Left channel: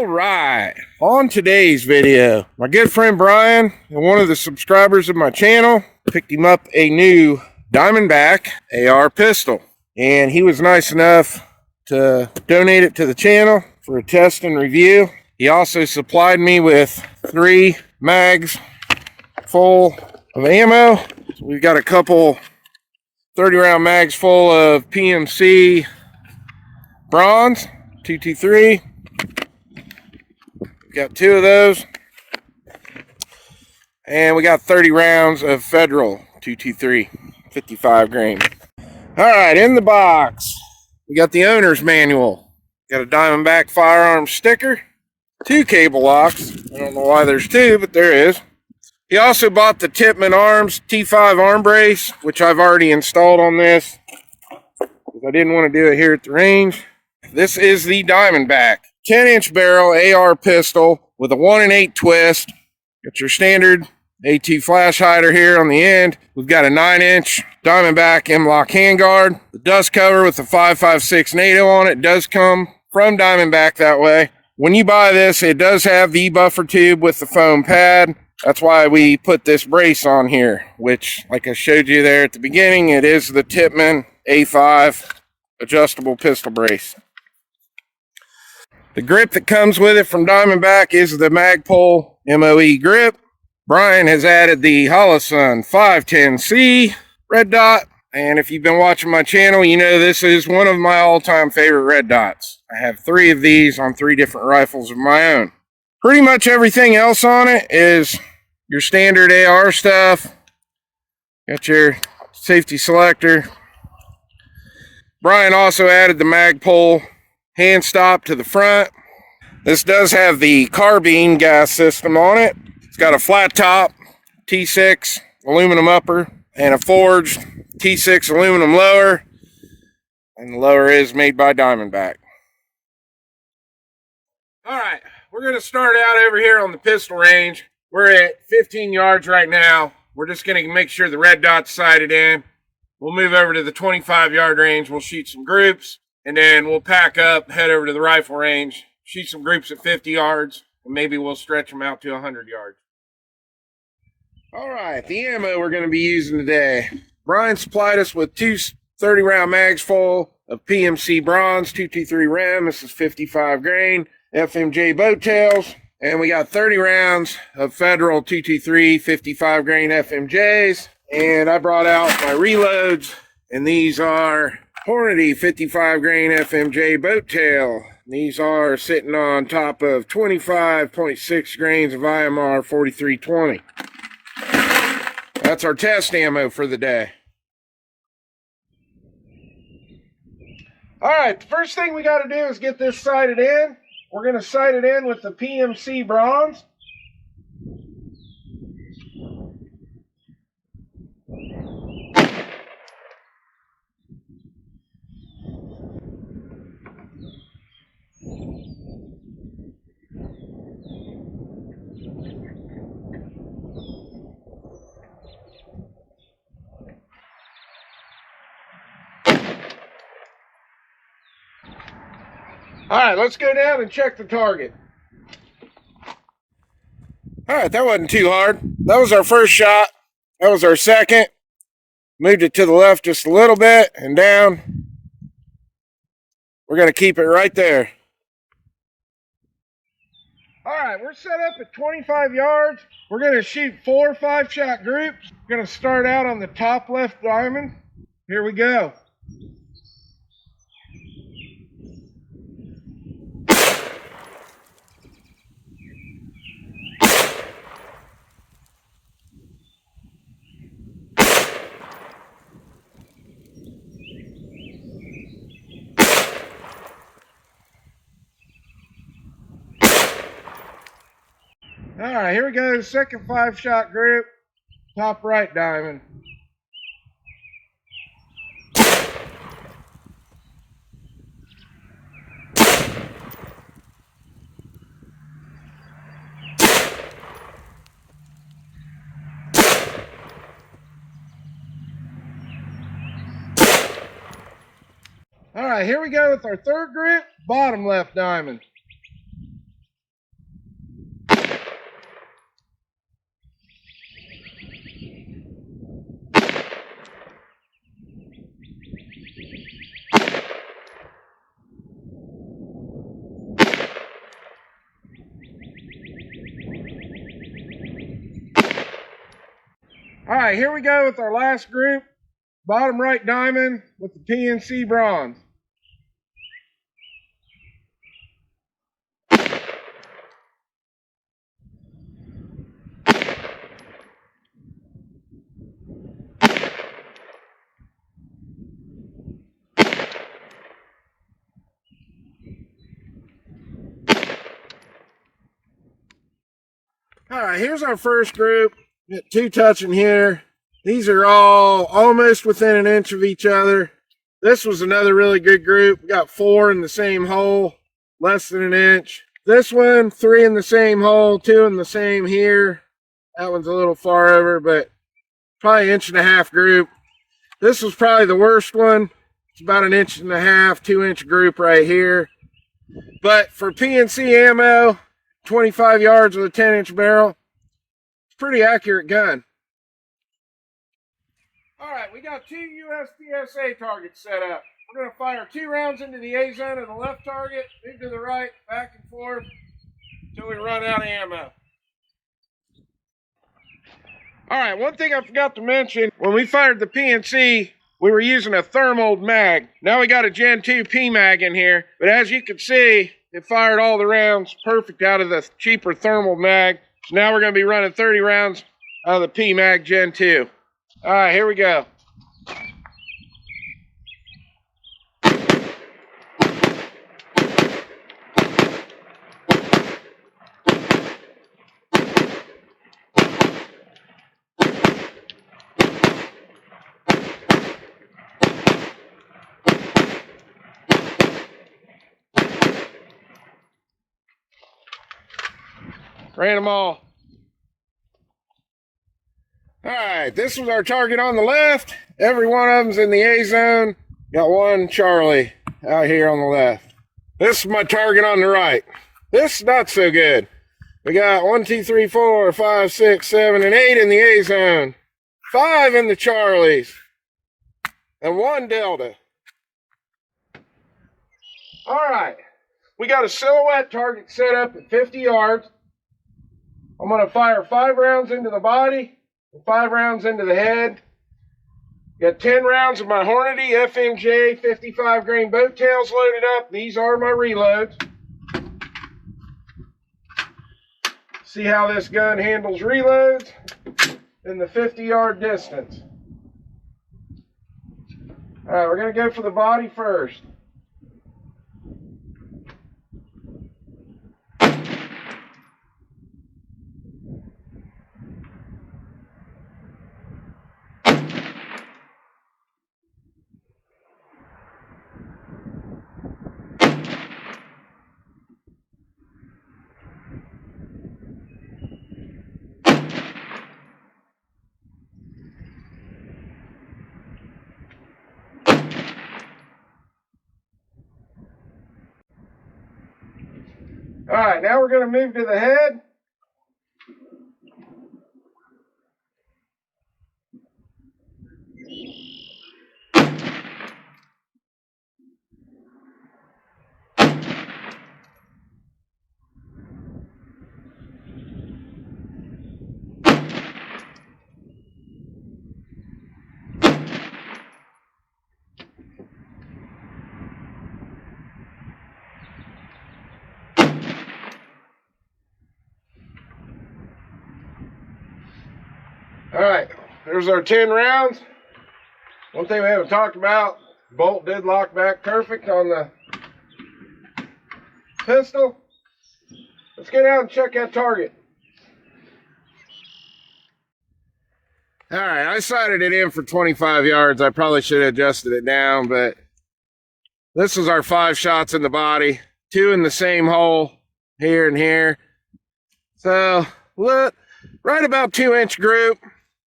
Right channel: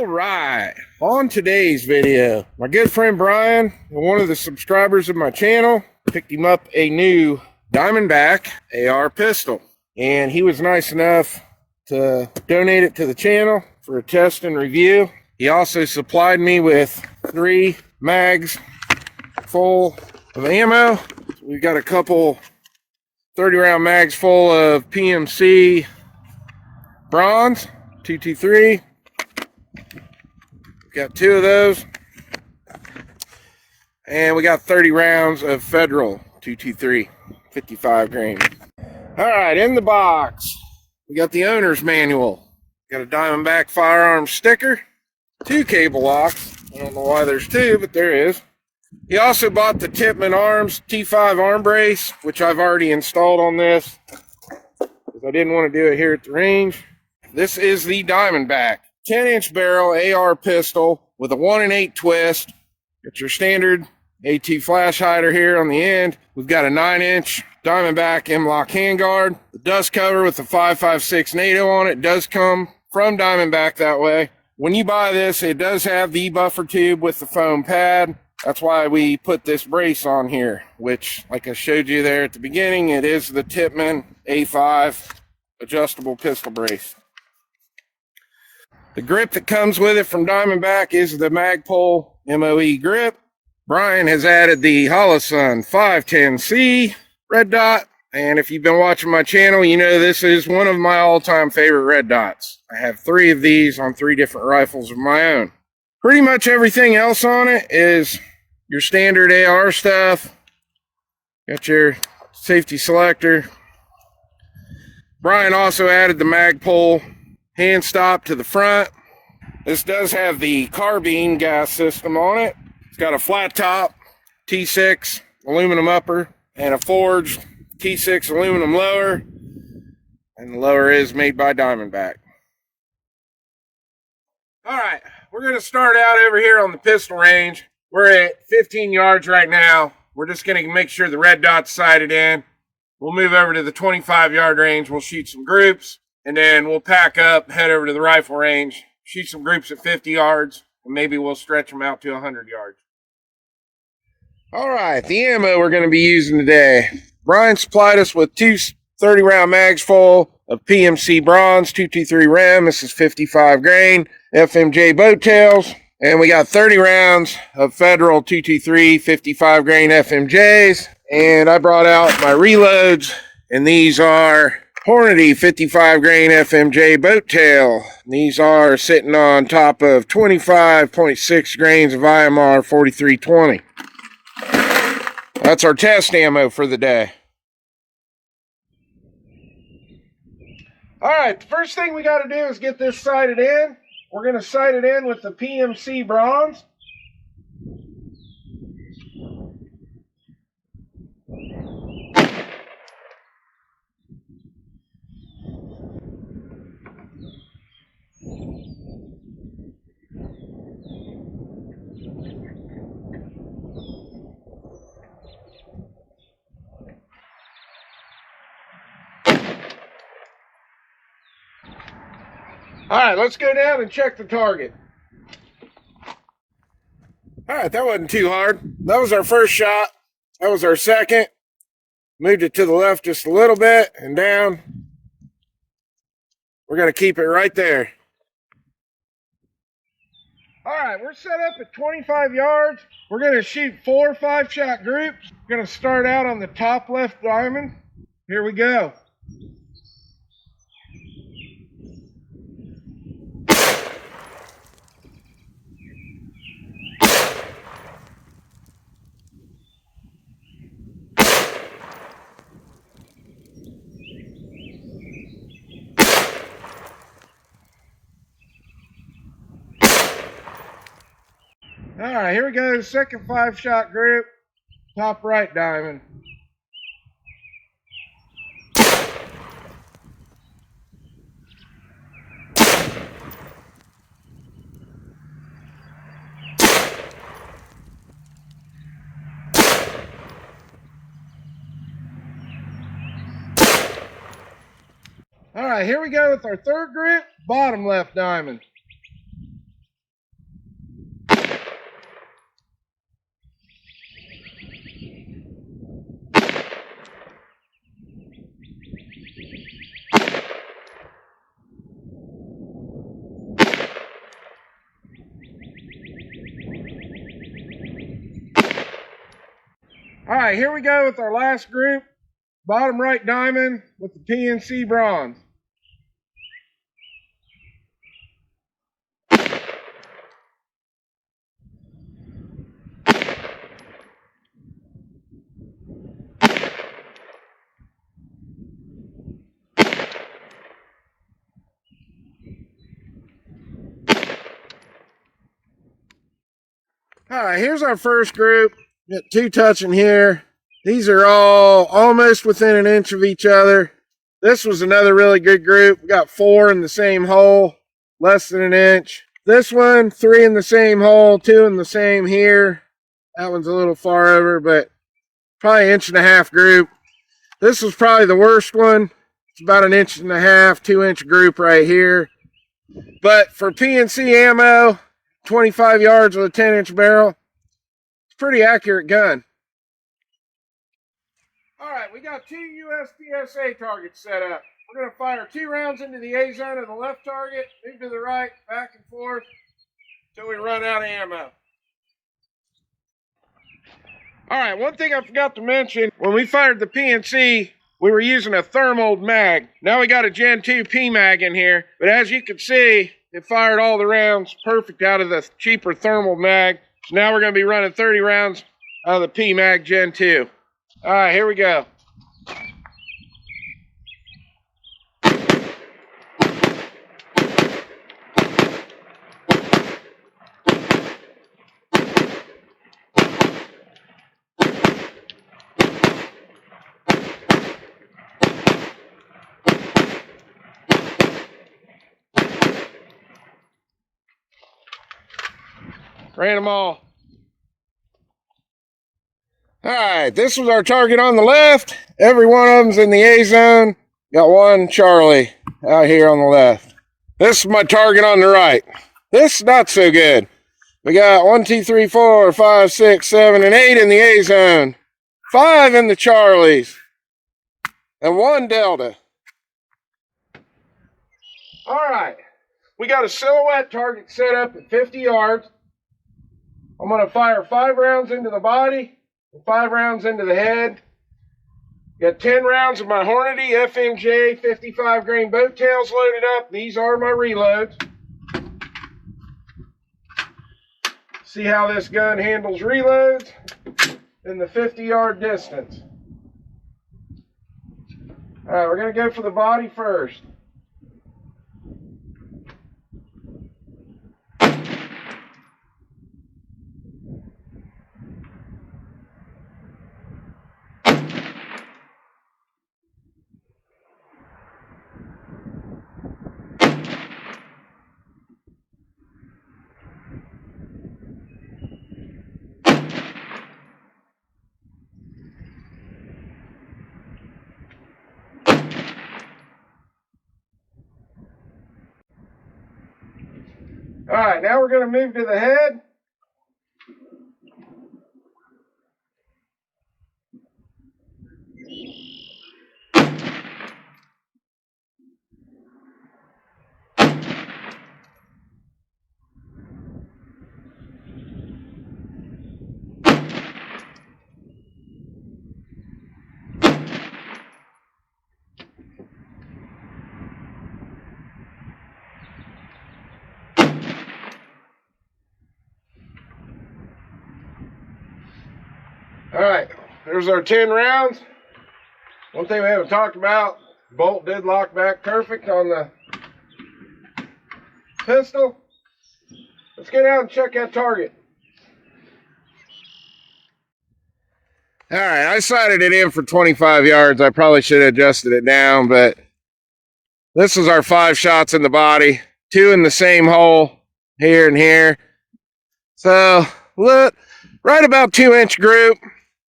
All right, on today's video, my good friend Bryan, one of the subscribers of my channel, picked him up a new Diamondback AR pistol, and he was nice enough to donate it to the channel for a test and review. He also supplied me with 3 mags full of ammo. So we've got a couple 30-round mags full of PMC bronze 223. Got 2 of those, and we got 30 rounds of Federal 223 55 grain. All right, in the box we got the owner's manual, got a Diamondback firearm sticker, 2 cable locks. I don't know why there's 2, but there is. He also bought the Tippmann Arms T5 arm brace, which I've already installed on this because I didn't want to do it here at the range. This is the Diamondback 10-inch barrel AR pistol with a 1 8 twist. Got your standard AT flash hider here on the end. We've got a 9-inch Diamondback M-LOK handguard. The dust cover with the 5.56 NATO on it does come from Diamondback that way. When you buy this, it does have the buffer tube with the foam pad. That's why we put this brace on here, which, like I showed you there at the beginning, it is the Tippmann A5 adjustable pistol brace. The grip that comes with it from Diamondback is the Magpul MOE grip. Bryan has added the Holosun 510C red dot, and if you've been watching my channel, you know this is one of my all-time favorite red dots. I have 3 of these on 3 different rifles of my own. Pretty much everything else on it is your standard AR stuff. Got your safety selector. Bryan also added the Magpul hand stop to the front. This does have the carbine gas system on it. It's got a flat top T6 aluminum upper and a forged T6 aluminum lower, and the lower is made by Diamondback. All right, we're going to start out over here on the pistol range. We're at 15 yards right now. We're just going to make sure the red dot's sighted in. We'll move over to the 25-yard range. We'll shoot some groups. And then we'll pack up, head over to the rifle range, shoot some groups at 50 yards, and maybe we'll stretch them out to 100 yards. All right, the ammo we're going to be using today. Bryan supplied us with 2 30-round mags full of PMC bronze 223 Rem. This is 55 grain FMJ boat tails. And we got 30 rounds of Federal 223 55 grain FMJs. And I brought out my reloads, and these are Hornady 55 grain FMJ boat tail. These are sitting on top of 25.6 grains of IMR 4320. That's our test ammo for the day. All right, the first thing we got to do is get this sighted in. We're going to sight it in with the PMC bronze. All right, let's go down and check the target. All right, that wasn't too hard. That was our first shot. That was our second. Moved it to the left just a little bit and down. We're going to keep it right there. All right, we're set up at 25 yards. We're going to shoot 4 5-shot groups. We're going to start out on the top left diamond. Here we go. All right, here we go. Second 5-shot group, top right diamond. All right, here we go with our third group, bottom left diamond. right, here we go with our last group. Bottom right diamond with the PNC bronze. All right, here's our first group. Got 2 touching here. These are all almost within an inch of each other. This was another really good group. We got 4 in the same hole, less than an inch. This one, 3 in the same hole, 2 in the same here. That one's a little far over, but probably 1.5 inch group. This was probably the worst one. It's about 1.5 inch, 2 inch group right here. But for PNC ammo, 25 yards with a 10-inch barrel, it's a pretty accurate gun. All right, we got 2 USPSA targets set up. We're going to fire 2 rounds into the A zone of the left target, move to the right, back and forth until we run out of ammo. All right, one thing I forgot to mention, when we fired the PNC, we were using a thermal mag. Now we got a Gen 2 PMag in here, but as you can see, it fired all the rounds perfect out of the cheaper thermal mag. So now we're going to be running 30 rounds out of the PMag Gen 2. All right, here we go. Ran them all. All right, this was our target on the left. Every one of them's in the A zone. Got 1 Charlie out here on the left. This is my target on the right. This is not so good. We got 1, 2, 3, 4, 5, 6, 7, and 8 in the A zone. 5 in the Charlies. And 1 Delta. All right, we got a silhouette target set up at 50 yards. I'm going to fire 5 rounds into the body and 5 rounds into the head. Got 10 rounds of my Hornady FMJ 55 grain boat tails loaded up. These are my reloads. See how this gun handles reloads in the 50-yard distance. All right, we're going to go for the body first. All right, now we're going to move to the head. All right, there's our 10 rounds. One thing we haven't talked about, bolt did lock back perfect on the pistol. Let's get out and check that target. All right, I sighted it in for 25 yards. I probably should have adjusted it down, but this is our 5 shots in the body, 2 in the same hole, here and here. So, look, right about 2-inch group.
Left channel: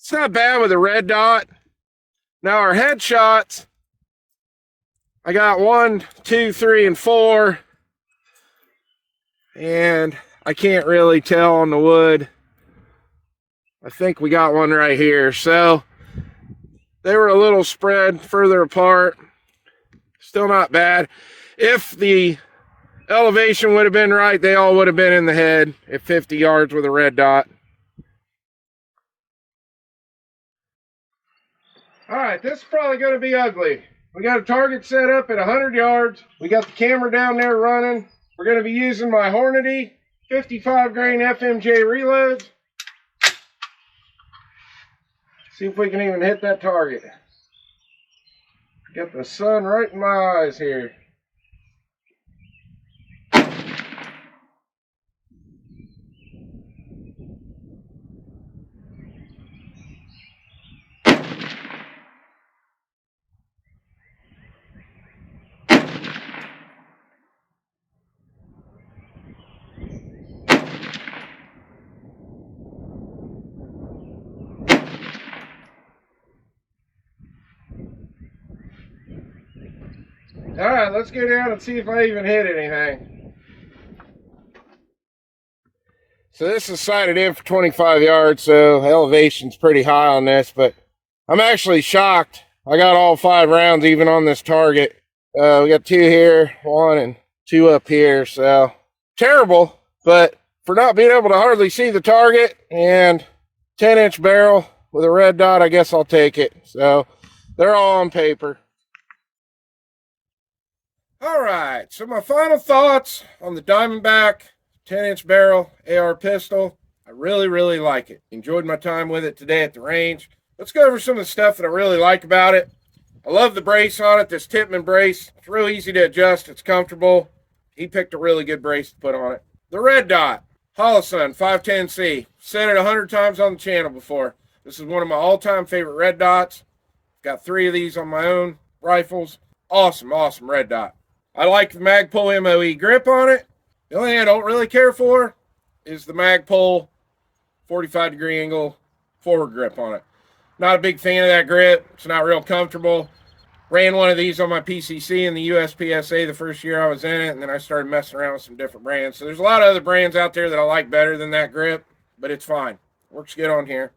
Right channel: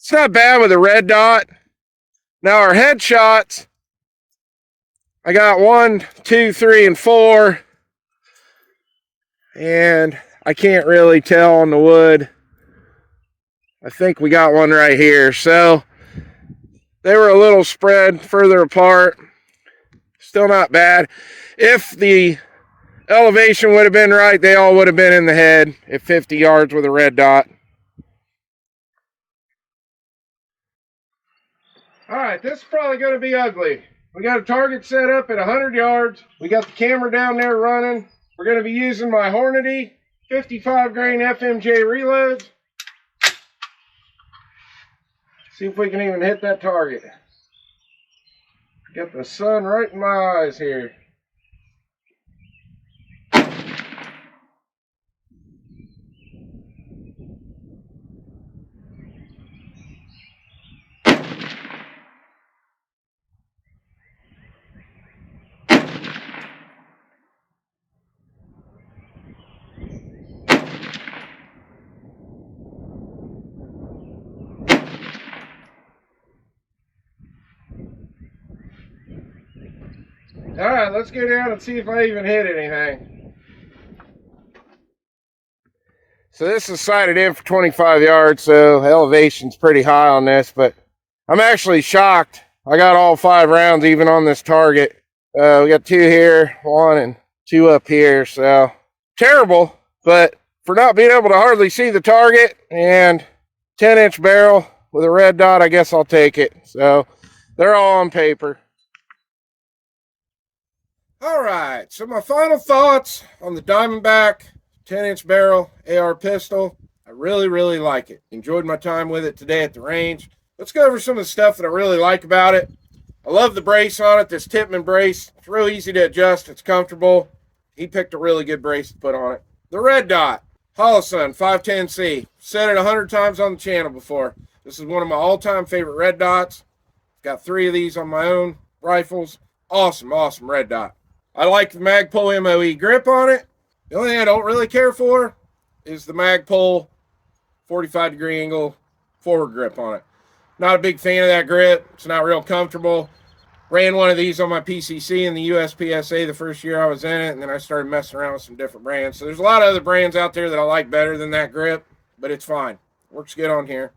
It's not bad with a red dot. Now our headshots, I got 1, 2, 3, and 4. And I can't really tell on the wood. I think we got one right here. So they were a little spread further apart. Still not bad. If the elevation would have been right, they all would have been in the head at 50 yards with a red dot. All right, this is probably going to be ugly. We got a target set up at 100 yards. We got the camera down there running. We're going to be using my Hornady 55 grain FMJ reloads. See if we can even hit that target. Got the sun right in my eyes here. All right, let's go down and see if I even hit anything. So this is sighted in for 25 yards, so elevation's pretty high on this, but I'm actually shocked. I got all 5 rounds even on this target. We got 2 here, 1 and 2 up here, so terrible, but for not being able to hardly see the target and 10-inch barrel with a red dot, I guess I'll take it. So they're all on paper. All right, so my final thoughts on the Diamondback 10-inch barrel AR pistol. I really like it. Enjoyed my time with it today at the range. Let's go over some of the stuff that I really like about it. I love the brace on it, this Tippmann brace. It's real easy to adjust. It's comfortable. He picked a really good brace to put on it. The red dot, Holosun 510C. Said it 100 times on the channel before. This is one of my all-time favorite red dots. Got 3 of these on my own rifles. Awesome red dot. I like the Magpul MOE grip on it. The only thing I don't really care for is the Magpul 45-degree angle forward grip on it. Not a big fan of that grip. It's not real comfortable. Ran one of these on my PCC in the USPSA the first year I was in it, and then I started messing around with some different brands. So there's a lot of other brands out there that I like better than that grip, but it's fine. Works good on here.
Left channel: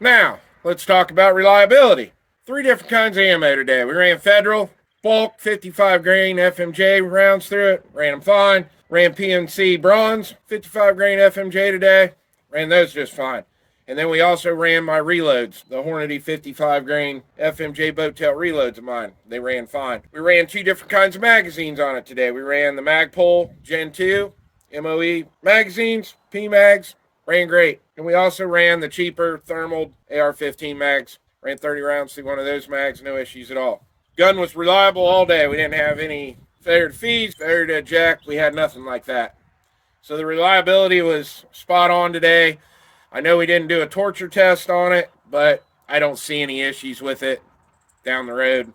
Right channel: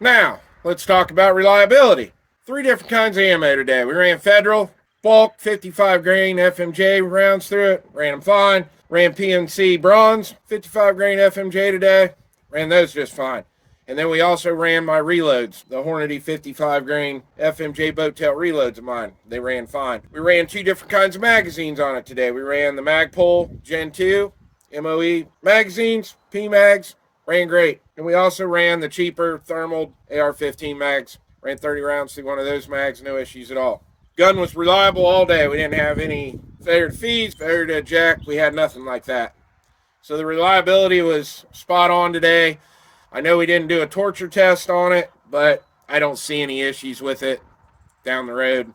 Now, let's talk about reliability. 3 different kinds of ammo today. We ran Federal, bulk 55 grain FMJ rounds through it. Ran them fine. Ran PNC bronze 55 grain FMJ today. Ran those just fine. And then we also ran my reloads, the Hornady 55 grain FMJ boat tail reloads of mine. They ran fine. We ran 2 different kinds of magazines on it today. We ran the Magpul Gen 2 MOE magazines, PMags, ran great. And we also ran the cheaper thermal AR-15 mags. Ran 30 rounds through one of those mags, no issues at all. Gun was reliable all day. We didn't have any failure to feed, failure to eject. We had nothing like that. So the reliability was spot on today. I know we didn't do a torture test on it, but I don't see any issues with it down the road.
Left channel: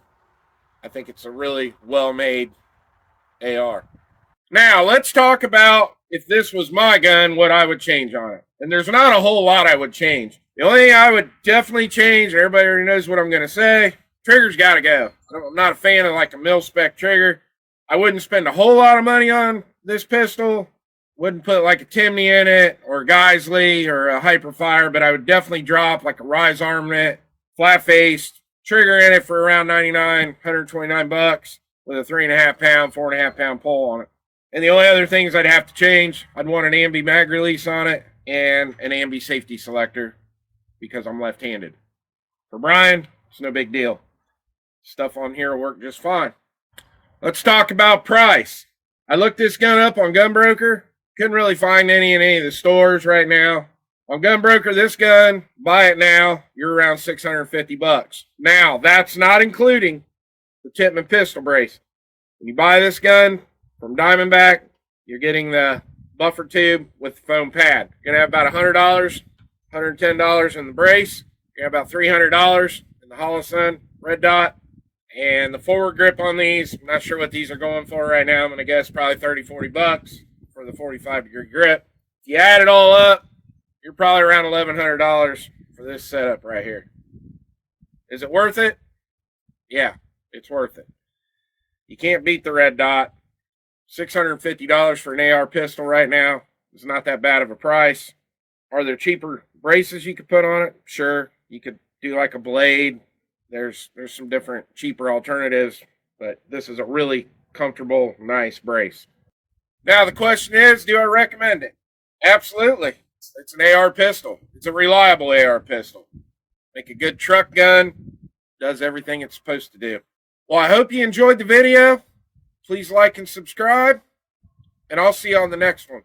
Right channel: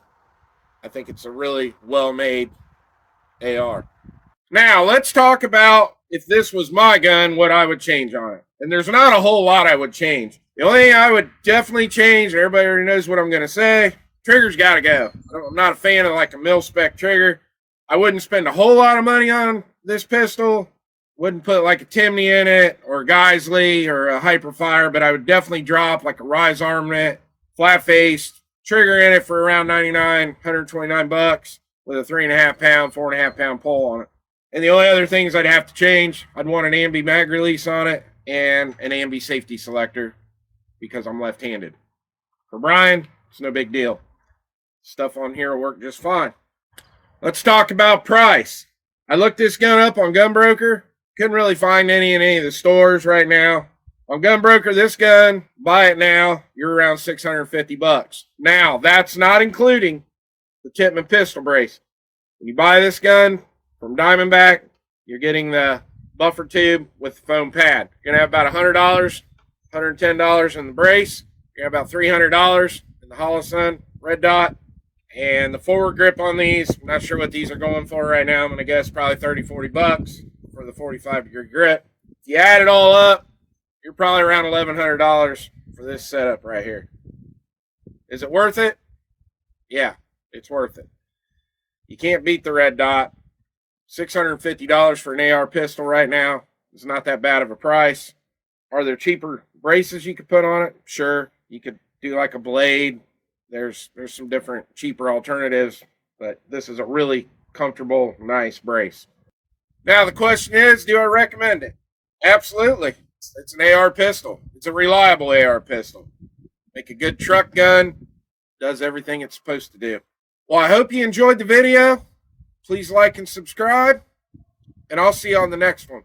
I think it's a really well-made AR. Now, let's talk about if this was my gun, what I would change on it. And there's not a whole lot I would change. The only thing I would definitely change, everybody already knows what I'm going to say, trigger's got to go. I'm not a fan of like a mil-spec trigger. I wouldn't spend a whole lot of money on this pistol. Wouldn't put like a Timney in it or a Geisley or a Hyperfire, but I would definitely drop like a Rise Armament, flat-faced, trigger in it for around 99, 129 bucks with a 3.5 pound, 4.5 pound pole on it. And the only other things I'd have to change, I'd want an ambi mag release on it and an ambi safety selector because I'm left-handed. For Bryan, it's no big deal. Stuff on here will work just fine. Let's talk about price. I looked this gun up on Gunbroker. Couldn't really find any in any of the stores right now. On Gunbroker, this gun, buy it now, you're around 650 bucks. Now, that's not including the Tippmann pistol brace. When you buy this gun from Diamondback, you're getting the buffer tube with the foam pad. You're going to have about $100, $110 in the brace. You're going to have about $300 in the Holosun red dot. And the forward grip on these, I'm not sure what these are going for right now. I'm going to guess probably 30, 40 bucks for the 45-degree grip. If you add it all up, you're probably around $1,100 for this setup right here. Is it worth it? Yeah, it's worth it. You can't beat the red dot. $650 for an AR pistol right now is not that bad of a price. Are there cheaper braces you could put on it? Sure. You could do like a blade. There's some different cheaper alternatives, but this is a really comfortable, nice brace. Now the question is, do I recommend it? Absolutely. It's an AR pistol. It's a reliable AR pistol. Make a good truck gun. does everything it's supposed to do. Well, I hope you enjoyed the video. Please like and subscribe, and I'll see you on the next one.